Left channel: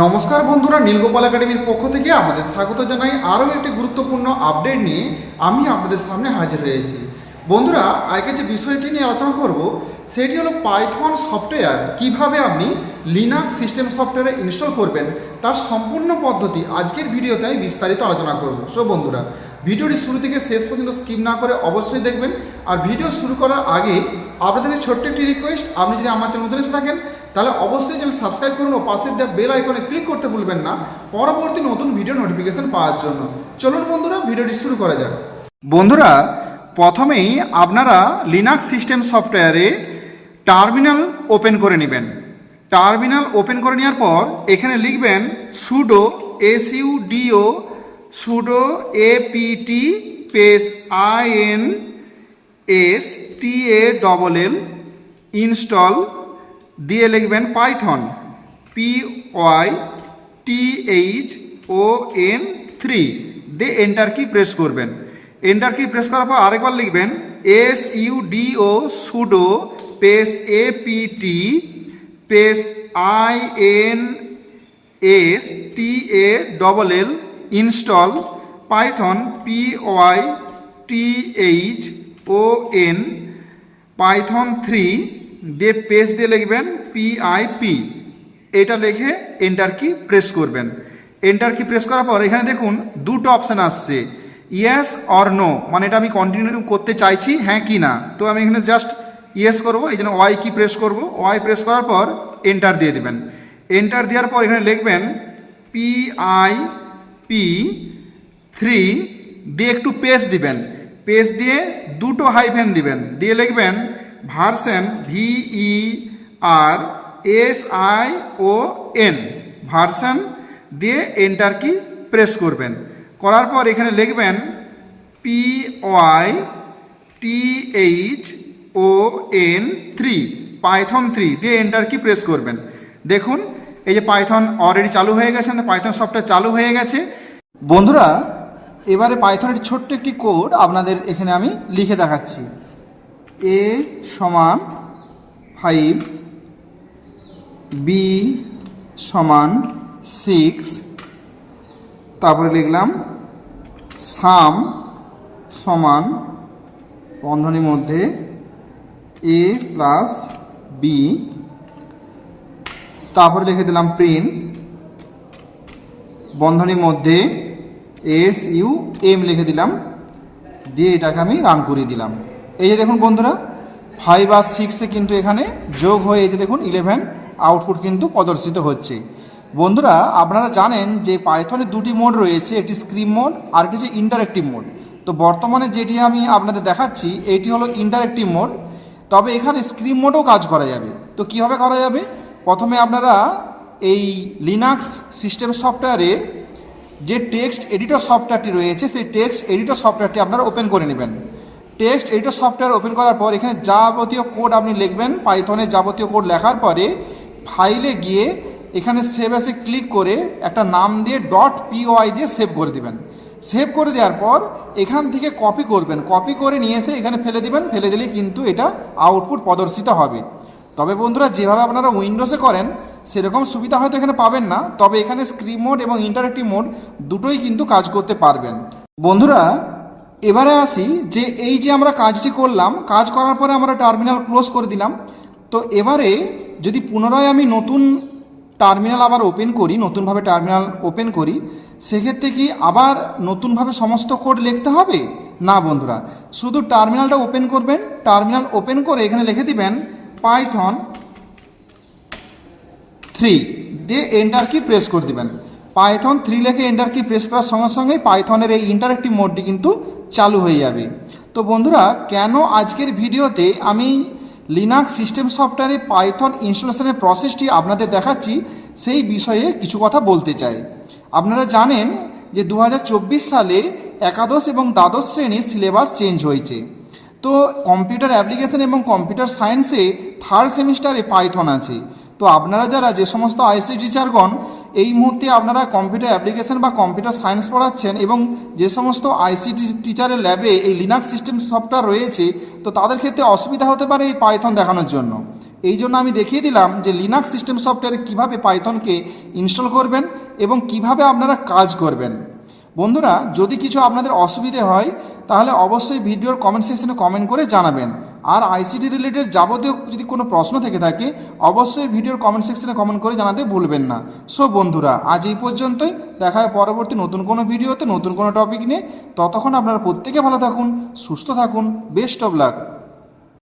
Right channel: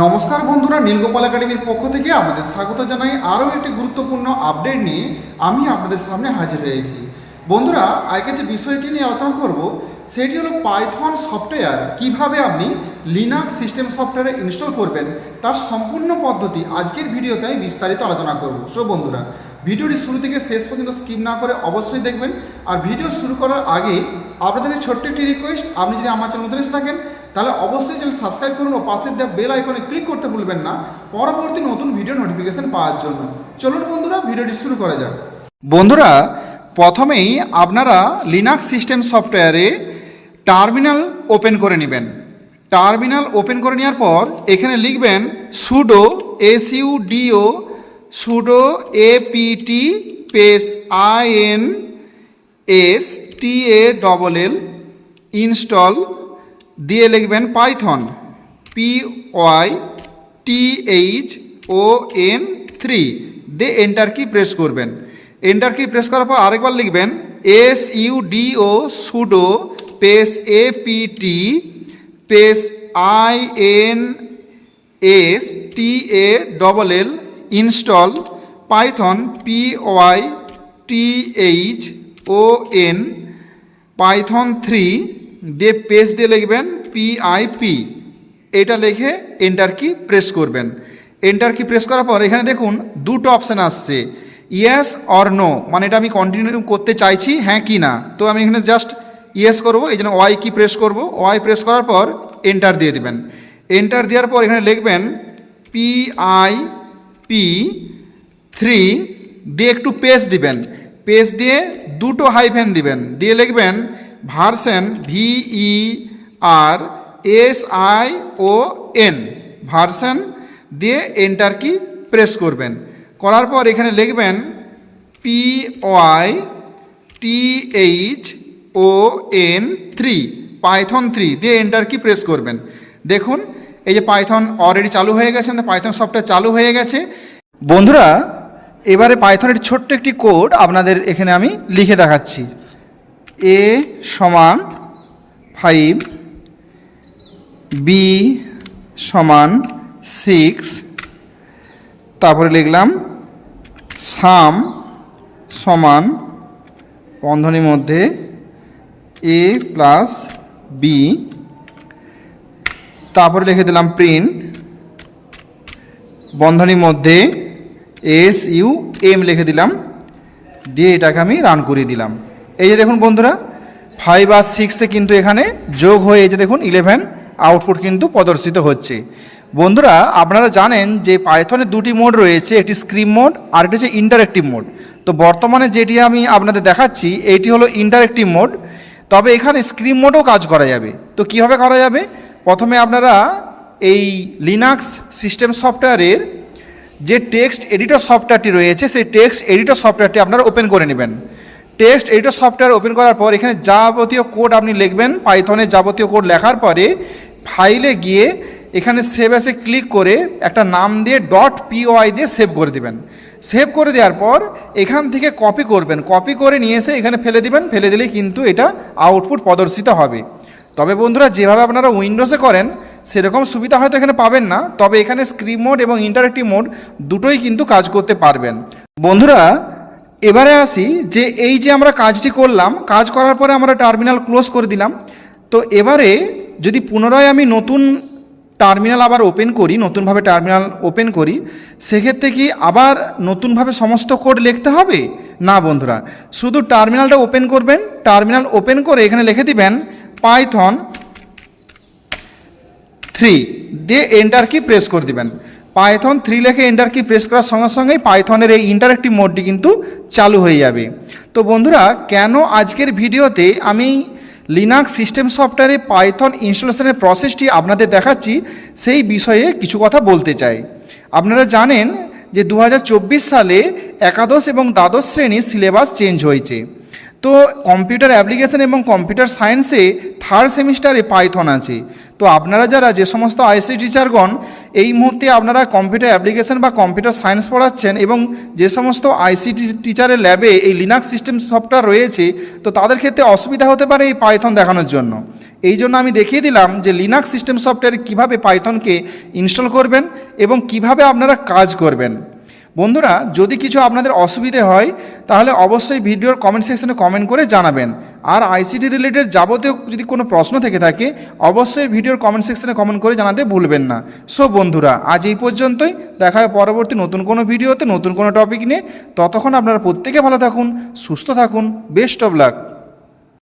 নমস্কার বন্ধুরা, নীলগোপাল একাডেমির পক্ষ থেকে আমাদের স্বাগত জানাই আরও একটি গুরুত্বপূর্ণ আপডেট নিয়ে আমি আপনাদের সামনে হাজির হয়েছি। বন্ধুরা আজকে যে বিষয়টি নিয়ে আলোচনা করব, সেটি হলো পাইথন সফটওয়্যার কীভাবে আপনি লিনাক্স সিস্টেম সফটওয়্যারে ইনস্টল করবেন, তার সম্পূর্ণ পদ্ধতি আজকের ভিডিওতে আমি বিস্তারিত আলোচনা করব। সো বন্ধুরা, ভিডিওটি শুরু থেকে শেষ পর্যন্ত স্কিপ না করে অবশ্যই দেখবেন। আর ভিডিও শুরু করার আগে আপনাদের ছোট্ট একটি রিকোয়েস্ট আপনি যদি আমার চ্যানেল নতুন এসে থাকেন তাহলে অবশ্যই চ্যানেল সাবস্ক্রাইব করুন ও পাশের দেওয়া বেল আইকনে ক্লিক করতে ভুলবেন না। পরবর্তী নতুন ভিডিও নোটিফিকেশন পাওয়ার জন্য। চলুন বন্ধুরা ভিডিওটি শুরু করা যাক। বন্ধুরা, প্রথমেই আপনারা লিনাক্স সিস্টেম সফটওয়্যারে টার্মিনাল ওপেন করে নেবেন। টার্মিনাল ওপেন করে নেওয়ার পর এখানে লিখবেন sudo S U D O sudo APT space I N S T A double L install দিয়ে লিখবেন Python P Y T H O N three দিয়ে এন্টার কি প্রেস করবেন। এন্টার কি প্রেস করার পর আরেকবার লিখবেন S U D O sudo space A P T space I N S T A double L install Python P Y T H O N Python three দিয়ে page দিয়ে লিখবেন PIP এটা লিখে enter key press করবেন। Enter key press করার পর এখানে দেখুন দুটো অপশান আসছে। ইয়েস অর নো মানে এটা আমি কন্টিনিউ করতে চাইছি হ্যাঁ কি না। তো আমি এখানে জাস্ট ইয়েস করব, এই জন্য ওয়াই কি প্রেস করব। ওয়াই প্রেস করার পর এন্টার দিয়ে দেবেন। এন্টার দেওয়ার পর এখানে লিখবেন পিআই পি থ্রি দিয়ে একটু পেজ দিবেন। পেজ দিয়ে দুটো হাইফেন দিবেন। দিয়ে লিখবেন version V E R S I O N version, দিয়ে এন্টার কি প্রেস করবেন। করার পর এখানে লিখবেন P Y T H O N three Python three, দিয়ে এন্টার কি প্রেস করবেন। দেখুন, এই যে পাইথন অলরেডি চালু হয়ে গেছে পাইথন সফটওয়্যার চালু হয়ে গেছে। বন্ধুরা, এবারে পাইথনের ছোট্ট একটি কোড আপনাদের এখানে আমি লিখে দেখাচ্ছি। এ সমান ফাইভ, বি সমান সিক্স, তারপরে লিখলাম সাম সমান বন্ধনীর মধ্যে এ প্লাস বি, তারপরে লিখে দিলাম প্রিন্ট, বন্ধনীর মধ্যে এস, ইউ, এম লিখে দিলাম, দিয়ে এটাকে আমি রান করিয়ে দিলাম। এই যে দেখুন বন্ধুরা ফাইভ আর সিক্সে কিন্তু এখানে যোগ হয়ে এই যে দেখুন ইলেভেন আউটপুট কিন্তু প্রদর্শিত হচ্ছে। বন্ধুরা, আপনারা জানেন যে পাইথনের দুটি মোড রয়েছে, একটি স্ক্রিম মোড আর একটি হচ্ছে ইন্টারেক্টিভ মোড তো বর্তমানে যেটি আমি আপনাদের দেখাচ্ছি, এটি হলো ইন্টারেক্টিভ মোড তবে এখানে স্ক্রিম মোডও কাজ করা যাবে। তো কীভাবে করা যাবে? প্রথমে আপনারা এই লিনাক্স সিস্টেম সফটওয়্যারের যে টেক্সট এডিটর সফটওয়্যারটি রয়েছে, সেই টেক্সট এডিটর সফটওয়্যারটি আপনারা ওপেন করে নেবেন। টেক্সট এডিটর সফটওয়্যার ওপেন করার পর এখানে যাবতীয় কোড আপনি লিখবেন পাইথনে যাবতীয় কোড লেখার পরে ফাইলে গিয়ে এখানে সেভ অ্যাসে ক্লিক করে একটা নাম দিয়ে ডট পিওআই দিয়ে সেভ করে দিবেন। সেভ করে দেওয়ার পর এখান থেকে কপি করবেন। কপি করে নিয়ে এসে এখানে ফেলে দিবেন। ফেলে দিলে কিন্তু এটা আউটপুট প্রদর্শিত হবে। তবে বন্ধুরা, যেভাবে আপনারা উইন্ডোজে করেন, সেরকম সুবিধা হয়তো এখানে পাবেন না। তবে এখানে স্ক্রিন মোড এবং ইন্টারেক্টিভ মোড দুটোই কিন্তু কাজ করতে পারবেন। বন্ধুরা এবারে আসি যে এই যে আমরা কাজটি করলাম, কাজ করার পরে আমরা টার্মিনাল ক্লোজ করে দিলাম। তো এবারে যদি পুনরায় আমি নতুন টার্মিনাল আবার ওপেন করি, নতুনভাবে টার্মিনাল ওপেন করি, সেক্ষেত্রে কি আবার নতুনভাবে সমস্ত কোড লিখতে হবে? না বন্ধুরা, শুধু টার্মিনালটা ওপেন করবেন, টার্মিনাল ওপেন করে এখানে লিখে দিবেন পাইথন থ্রি, দিয়ে এন্টার কি প্রেস করে দিবেন। পাইথন থ্রি লেখে এন্টার কি প্রেস করার সঙ্গে সঙ্গেই পাইথনের এই ইন্টারেক্টিভ মোডটি কিন্তু চালু হয়ে যাবে। তো বন্ধুরা, কেন আজকের ভিডিওতে আমি লিনাক্স সিস্টেম সফটওয়্যারে পাইথন ইনস্টলেশনের প্রসেসটি আপনাদের দেখাচ্ছি, সেই বিষয়ে কিছু কথা বলতে চাই। আপনারা জানেন যে দু হাজার চব্বিশ সালে একাদশ এবং দ্বাদশ শ্রেণির সিলেবাস চেঞ্জ হয়েছে। তো কম্পিউটার অ্যাপ্লিকেশন এবং কম্পিউটার সায়েন্সে থার্ড সেমিস্টারে পাইথন আছে। তো আপনারা যারা যে সমস্ত আইসি টিচারগণ এই মুহূর্তে আপনারা কম্পিউটার অ্যাপ্লিকেশন বা কম্পিউটার সায়েন্স পড়াচ্ছেন এবং যে সমস্ত আইসিটি টিচারের ল্যাবে এই লিনাক্স সিস্টেম সফটওয়্যার রয়েছে, তো তাদের ক্ষেত্রে অসুবিধা হতে পারে এই পাইথন দেখানোর জন্য। এই জন্য আমি দেখিয়ে দিলাম যে লিনাক্স সিস্টেম সফটওয়্যার কীভাবে পাইথনকে ইনস্টল করবেন এবং কীভাবে আপনারা কাজ করবেন। বন্ধুরা, যদি কিছু আপনাদের অসুবিধে হয়, তাহলে অবশ্যই ভিডিওর কমেন্ট সেকশনে কমেন্ট করে জানাবেন। আর আইসিটি রিলেটেড যাবতীয় যদি কোনো প্রশ্ন থেকে থাকে, অবশ্যই ভিডিওর কমেন্ট সেকশনে কমেন্ট করে জানাতে ভুলবেন না। সো বন্ধুরা, আজ এই পর্যন্তই। দেখা হয় পরবর্তী নতুন কোনো ভিডিওতে, নতুন কোনো টপিক নিয়ে। ততক্ষণ আপনারা প্রত্যেকে ভালো থাকুন, সুস্থ থাকুন বেস্ট অফ লাক